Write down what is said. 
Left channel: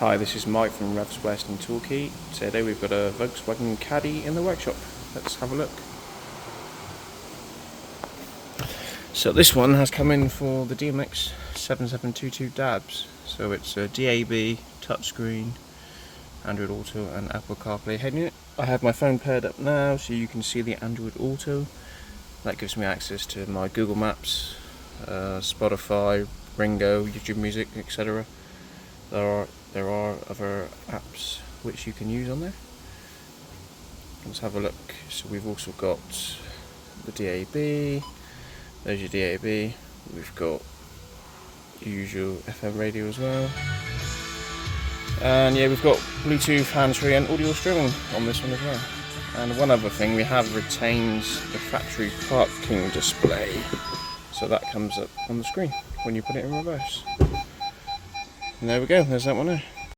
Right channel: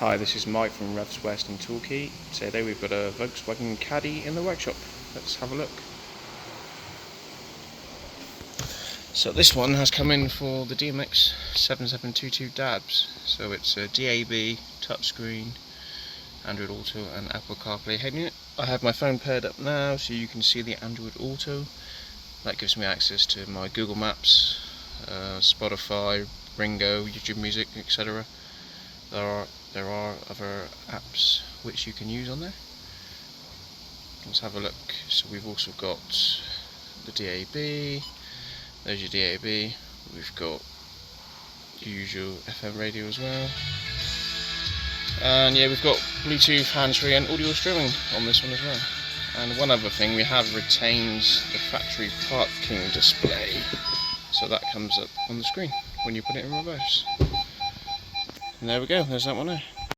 Hi, this is Mike from Revs West in Torquay. Today we've got a Volkswagen Caddy in the workshop. Let's have a look. So this one has come in for the DMX7722DABS. So it's a DAB, touchscreen, Android Auto and Apple CarPlay head unit. I have my phone paired up now so you can see the Android Auto. That gives me access to my Google Maps, Spotify, Ringo, YouTube Music, etc. There are other apps which you can use on there. Let's have a look. So we've also got the DAB. There's your DAB. We've got the usual FM radio as well. And yeah, we've got Bluetooth, hands-free and audio streaming on this one as well. And one other thing, we have retained the factory parking display. So that comes up on the screen when you put it in reverse. And there we go, there's that one there.